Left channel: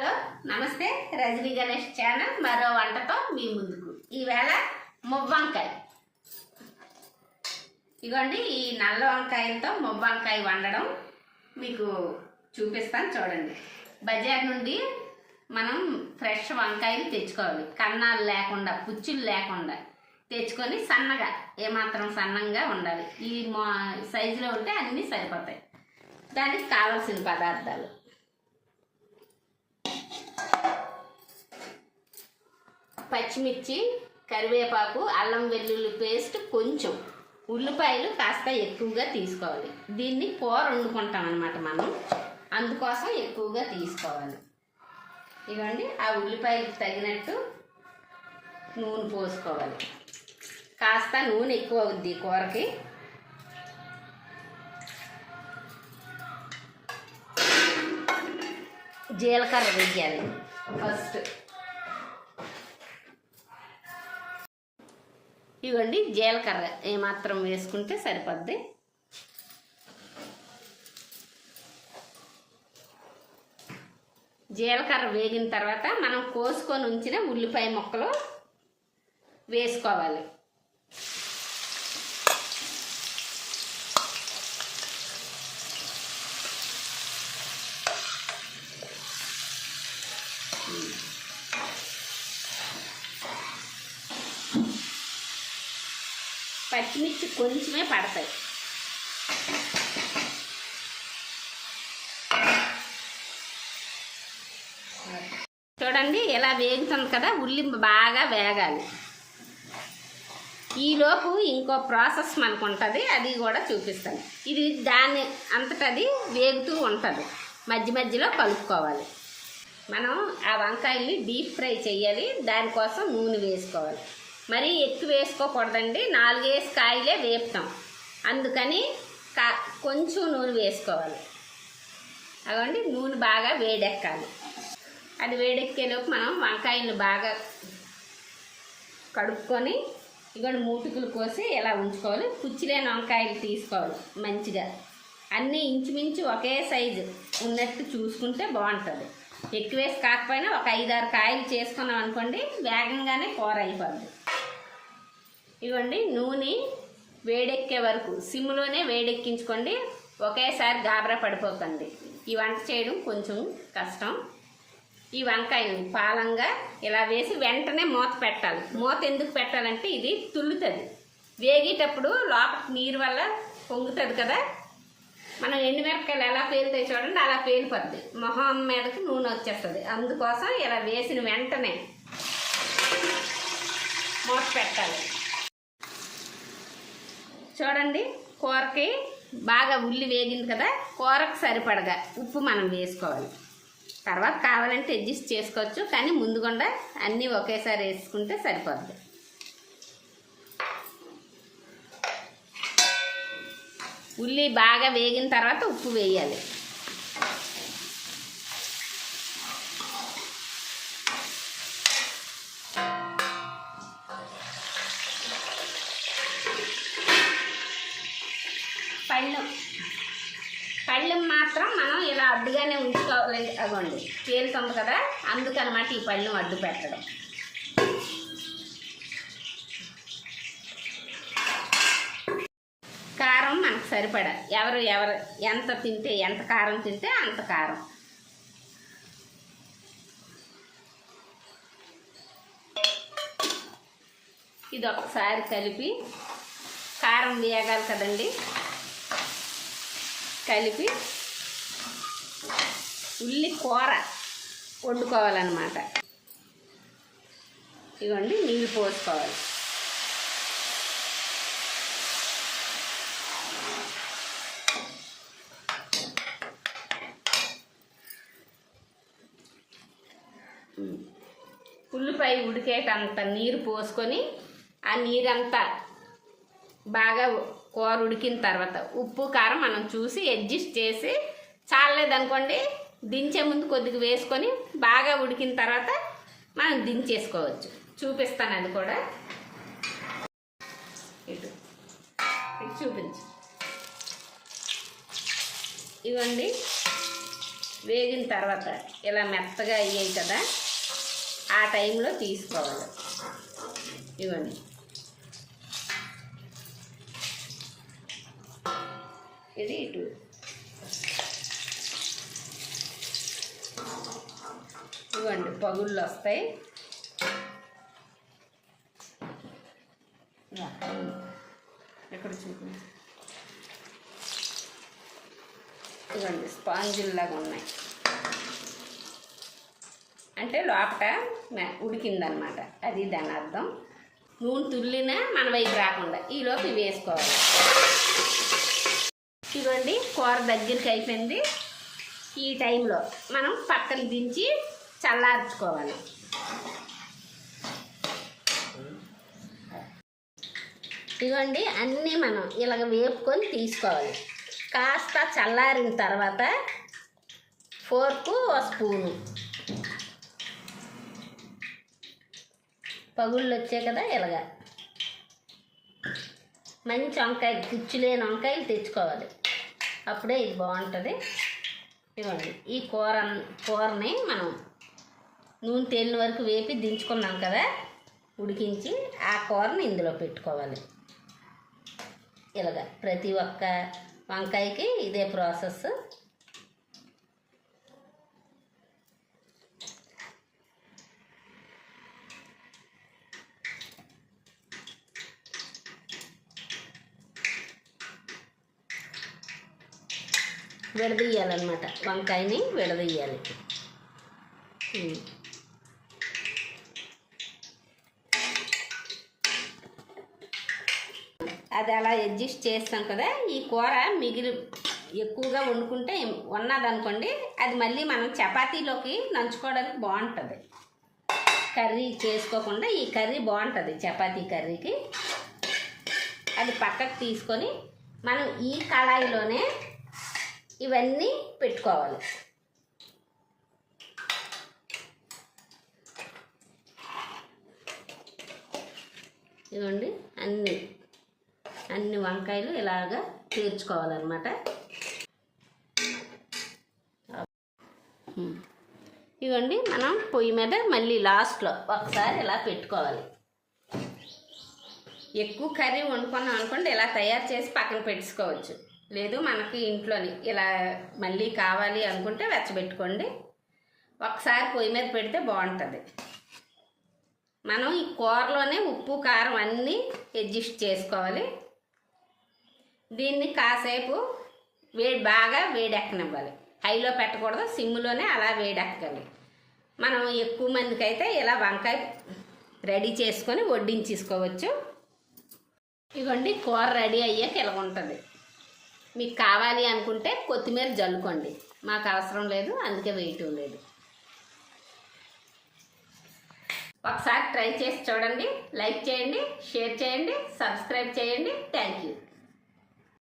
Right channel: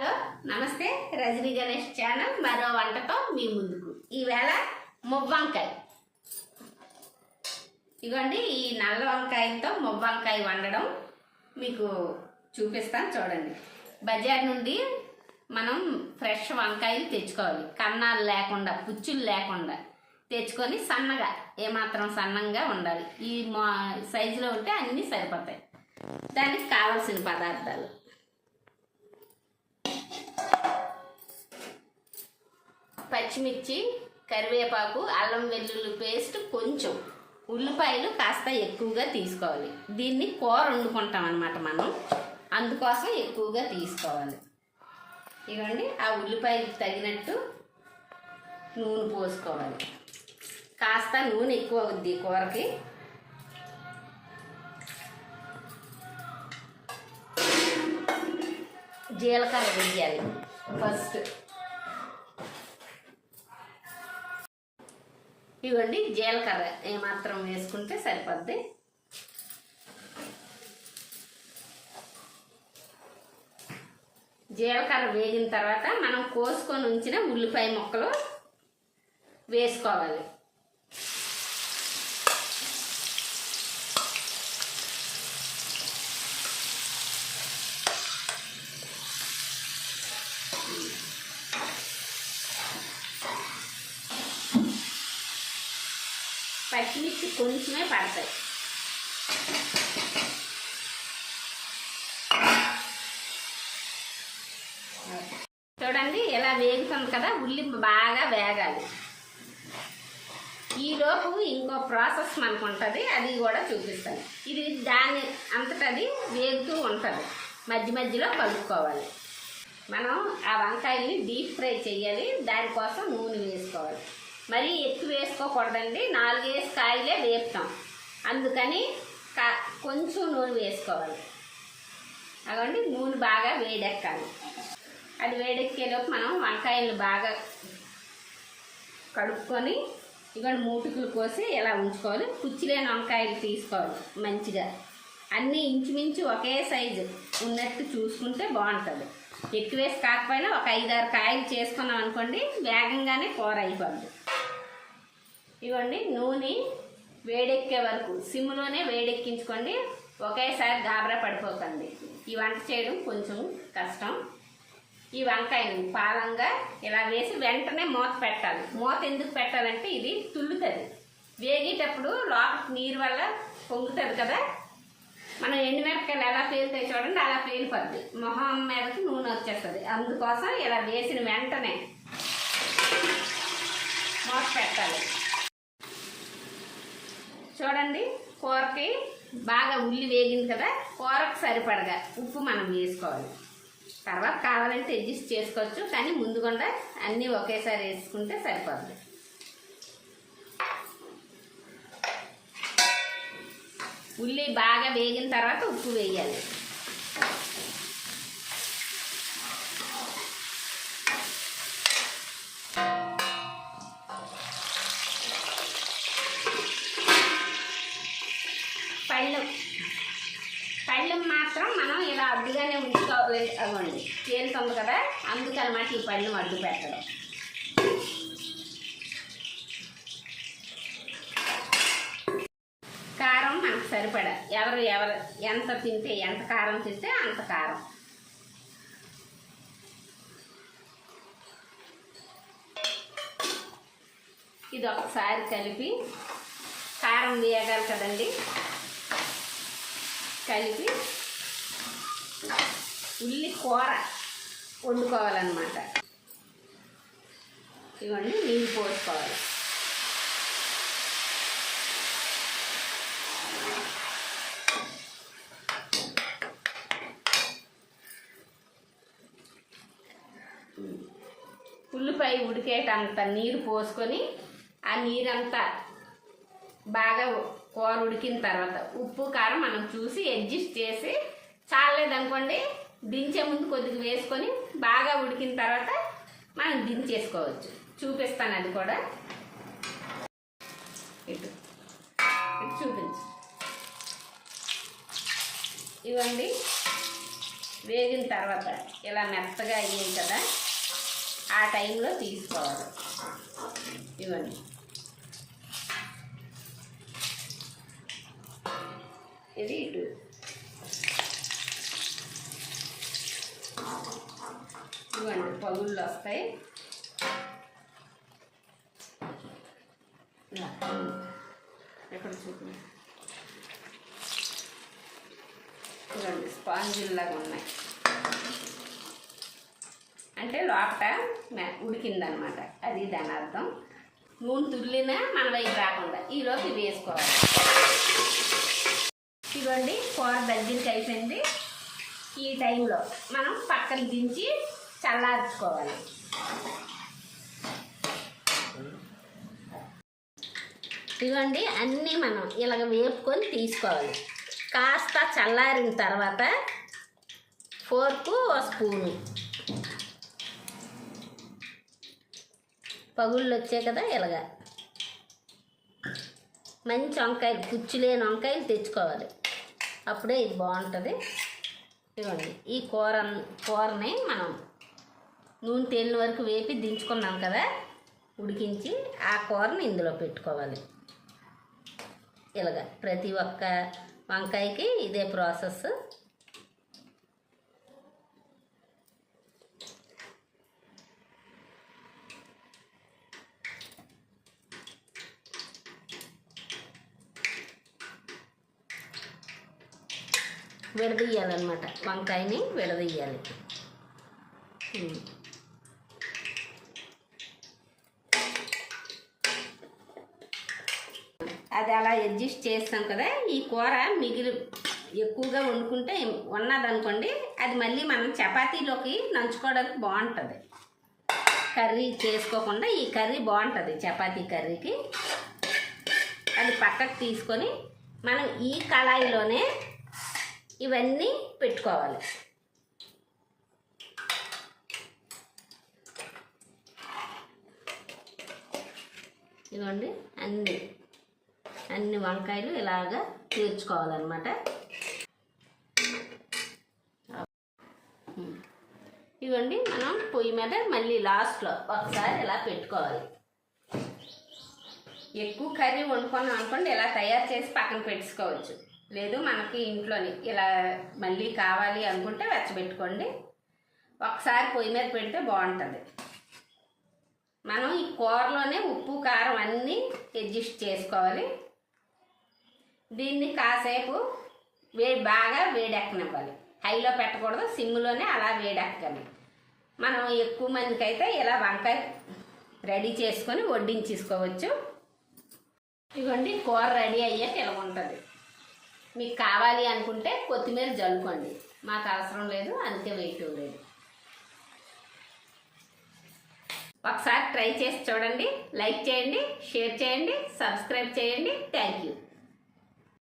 Hello నమస్తే, Rajani Ganesh channel మరో వంటతో మీ ముందుకు. ఈవేళ మువ్వంకాయ. ఇగోండి, ఈ నల్ల వంకాయలతో మువ్వంకాయ వండడం మీకు చూపిస్తాను చూడండి. బజార్ నుండి మనం ఫ్రెష్ వంకాయలు తెచ్చుకోవాలి, కన్నాలు లేకుండా, పుచ్చులు లేకుండా తెచ్చుకొని సన్నగా, ఏమాత్రం సన్నంగా ఉండాలి. ఈ సైజులో ఉంటే అన్నీ సరిపోతాయి. దానికి కావలసిన పదార్థాలు: పచ్చిమిర్చి, కరివేపాకు, అల్లం వెల్లుల్లి పేస్ట్, కొంచెం ఉల్లిపాయలు కాస్త ఎక్కువగా తీసుకోవాలి. దీన్ని కూర వండుకుంటాం అన్నమాట మనం, అందుకోసం ఎక్కువగా తీసుకోవాలి. ఇవ్వండి, ఆ ఉల్లిపాయలకు తగినట్టు నూనె పోసుకోవాలి. కాస్త నూనె ఎక్కువ అవుద్ది కూరకి. జీలకర్ర వేయాలి ఫస్ట్. ఇవ్వండి, జీలకర్ర ఏమాత్రం వేసుకుంటే సరిపోద్ది. జీలకర్ర వేగిన తర్వాత మనం కోసుకొని ఉంచిన ఉల్లిపాయ ముక్కలు వేసుకోవాలి. పచ్చిమిర్చి కొంచెమే పడతాయి. చూడండి, ఇలా వేగుతుంది కదా, ఉల్లి బాగా వేగాలి. ఈలోపు ఇంకో ప్రాసెస్ మనకు ఉంటుంది, అది కూడా చూపిస్తాను. ఇది దాని అంతటది వేగుతూ ఉంటుంది, మధ్య మధ్యలో కలుపుకోవాలి. మనం ఆ వంకాయల్ని డీప్ ఫ్రై చేయాలి, దానికోసం నూనె వేసుకోవాలి. మరీ ఎక్కువ వేసుకోకూడదండి, 4 కాయలే వేపుతాం, అందుకని కొంచెం నూనె వేసుకోవాలి. అవండి, నూనె బాగా వేడెక్కాలి. అది వేడెక్కేలోపు మనం వంకాయలు బాగా కడుక్కొని ఇవన్నీ మూటుకులు కోసి ఇలా ఉంచుకోవాలి. పుచ్చిలేని వంకాయలు తీసుకోవాలి మంచిగా. అన్నీ ఇంచుమించు ఒకే సైజు ఉన్నట్టు చూసుకుంటే బాగుంటుంది. ఎక్కువ వేసి కాకపోయినా ఒక 5-6 కాయలు చేసుకున్నాం అనుకోండి, వేగంగానే కూర అయిపోద్ది. ఇవ్వండి, నూనె వేడెక్కే వరకు సిమ్లోనే వేడెక్కించుకోండి, ఒకేసారి గాబరా పడిపోకండి. ఈ వంట చేయడం కొంచెం కష్టం. ఈ వంకాయలు పాలంగా ఇలా వేసి వెంటనే మూత పెట్టాలి. మూత ఎందుకు పెట్టాలంటే ఇది తుల్లుతుంది. వేగేటప్పుడు లోపలికి నీరు వల్ల పొంగుతుంది కదా, మనం ఎండుమిరపకాయలు ఎలా పేలుతాయి చూడండి, అలా పేలిపోద్ది, మొహం మీదకి నూనె వచ్చేస్తుంది. అందుకోసం ఇలా వేసిన వెంటనే మూత పెట్టాలి. చూడండి, కూరకి బాగా ఉల్లి వేగింది కదా, కూరకు సరిపడగా ఉప్పు మనం వేసుకోవాలి. తర్వాత కావాలంటే అడ్జస్ట్ చేసుకోవచ్చు, కానీ ముందుకుండా అన్నీ ఒకేసారి వేసుకుంటే సరిపోద్ది. ఉల్లి బాగా వేగిన తర్వాత ఉప్పు వేయాలి. పళ్ళు మాత్రం మనం ఇలా అడ్డుగానే ఉంచుకోవాలి. అవ్వండి, తేలుతుంది కదా, అందుకన్నమాట ఈ పళ్ళు అడ్డు పెట్టడం. కారం మనకు సరిపడా, ఎవరు ఎంత తింటే, ఎంత కారం తింటే అంత కారం. ఇది ఒకసారి కలిపి, కారం వేయాలి కదండి, కలిపి ఉల్లి కూర వండుకోవాలన్నమాట. ఇవన్నీ నీళ్ళు పోసుకోవాలి. ఉల్లిపాయ ఉడికేటంత నీరు పోసుకొని, ఆ నీరంతా బాగా కూర ఉడికిన తర్వాత ఉప్పు కారం మనం చూసి అడ్జస్ట్ చేసి, చాలేదనుకోండి దించే ముందు కొద్దిగా వేసుకొని బాగా ఉడికిన తర్వాత మనం దించేసుకోవచ్చు. చూపిస్తాను అది కూడా. ఇటు చూపించు. ఇవ్వండి, వేగిన తర్వాత ఇలా మెత్తగా అయ్యాయి కదా, ఆ టైంలో తీసుకోవాలి. ఇవ్వండి, ఇది ఇటు ఇవ్వండి, పగుళ్ళు వస్తాయి. ఎక్కడ చూపి, ఇవ్వండి, స్పాంజిల్లాగా ఉన్నాయి. అంటే లోపట ఉడికిందనమాట, అది దాని అర్థం. నూనె తుల్లినా మన వైపు రాకుండా ఈలోపు ఇవి వేసుకోవాలి. ఇవ్వండి, కూర దగ్గరికి అయిపోయింది. ఈ టైంలో మనం పక్కన దించి చల్లార్చుకోవాలి. ఇవ్వండి, అన్నీ మనం ఇలాగ వేపుకొని తీసుకోవాలి. కాస్త చల్లారిన తర్వాత ఫోర్కు ఒక స్పూను, పగుళ్ళు వచ్చాయి కదా, ఇలాగ మంచి వంకాయలు, పుచ్చులేని వంకాయలు తెచ్చుకోవాలి. అప్పుడే ఇది బాగుంటుంది. ఇవ్వండి, ఈ కూరని మనం నూనె తేలిన వరకు వేపి దించుకున్నాం కదా, ఉడికించి ఆ కూరని ఇందులో పెట్టుకోవాలి. ఇలాగ ప్రతి ఒక్క వంకాయకి ఇదే ప్రాసెస్. విడదీయాలన్నమాట, వంకాయని విడదీయాలి. అది అలా అడ్జస్ట్ చేస్తాం కదా. ఈ కూర ఎక్కువగా వండుకుంటే ఉన్నదనుకోండి, అది మళ్ళీ మనం చపాతీలోకి నంచుకోవడానికి బాగుంటుంది. కర్రీ చేసుకోకుండా ఈ కర్రీ బాగుంటుంది చపాతీ కర్రీకి. అది పక్కకు తీసుకొని మనం ఈ కళాయిలోనే ఇవన్నీ పెట్టుకోవాలి. ఇదిగోండి, అన్ని వంకాయలు ఇలాగా తీర్చుకోవాలన్నమాట. ఇదిగోండి, మనం పొయ్యి మీద మళ్ళీ లాస్ట్లో ఒకసారి ఇలా పెట్టుకోవాలి. ఎక్కువ కర్రీ వండుకున్నాం అనుకోండి, ఇలా తయారు చేసి పక్కన పెట్టుకోవచ్చు. లేదు మనకి ఇంట్లోని ఇలా మళ్ళీ కావాలి అనుకుంటే వెచ్చబెట్టుకోండి. ఒకసారి పొయ్యి మీద పెడితే బాగుంటుంది. మనం ఈ కూరలోనే ఉప్పు కారం అన్నీ అడ్జస్ట్ చేసుకోవాలి. దీన్ని కాసేపు బాగా వేడెక్కనివ్వాలి. హైలో పెట్టకూడదు, సిమ్లోనే అలా వేడెక్కాలి. మనం ఎక్కువ మందికి అయితే ఇలా వంకాయ రెడీ చేసుకొని వడ్డించేసుకోవచ్చు. ఇవ్వండి, కూర రెడీ అయ్యాక ఇలా ఉంటుంది. మీకు కావాలి అనుకుంటే కొత్తిమీర జల్లుకోండి, మాకు అవసరం లేదు, అందుకే వేయటం లేదు. ఒకసారి ట్రై చేసి చూడండి. లైక్ చేయండి, షేర్ చేయండి, సబ్స్క్రైబ్ చేయండి. Thank you.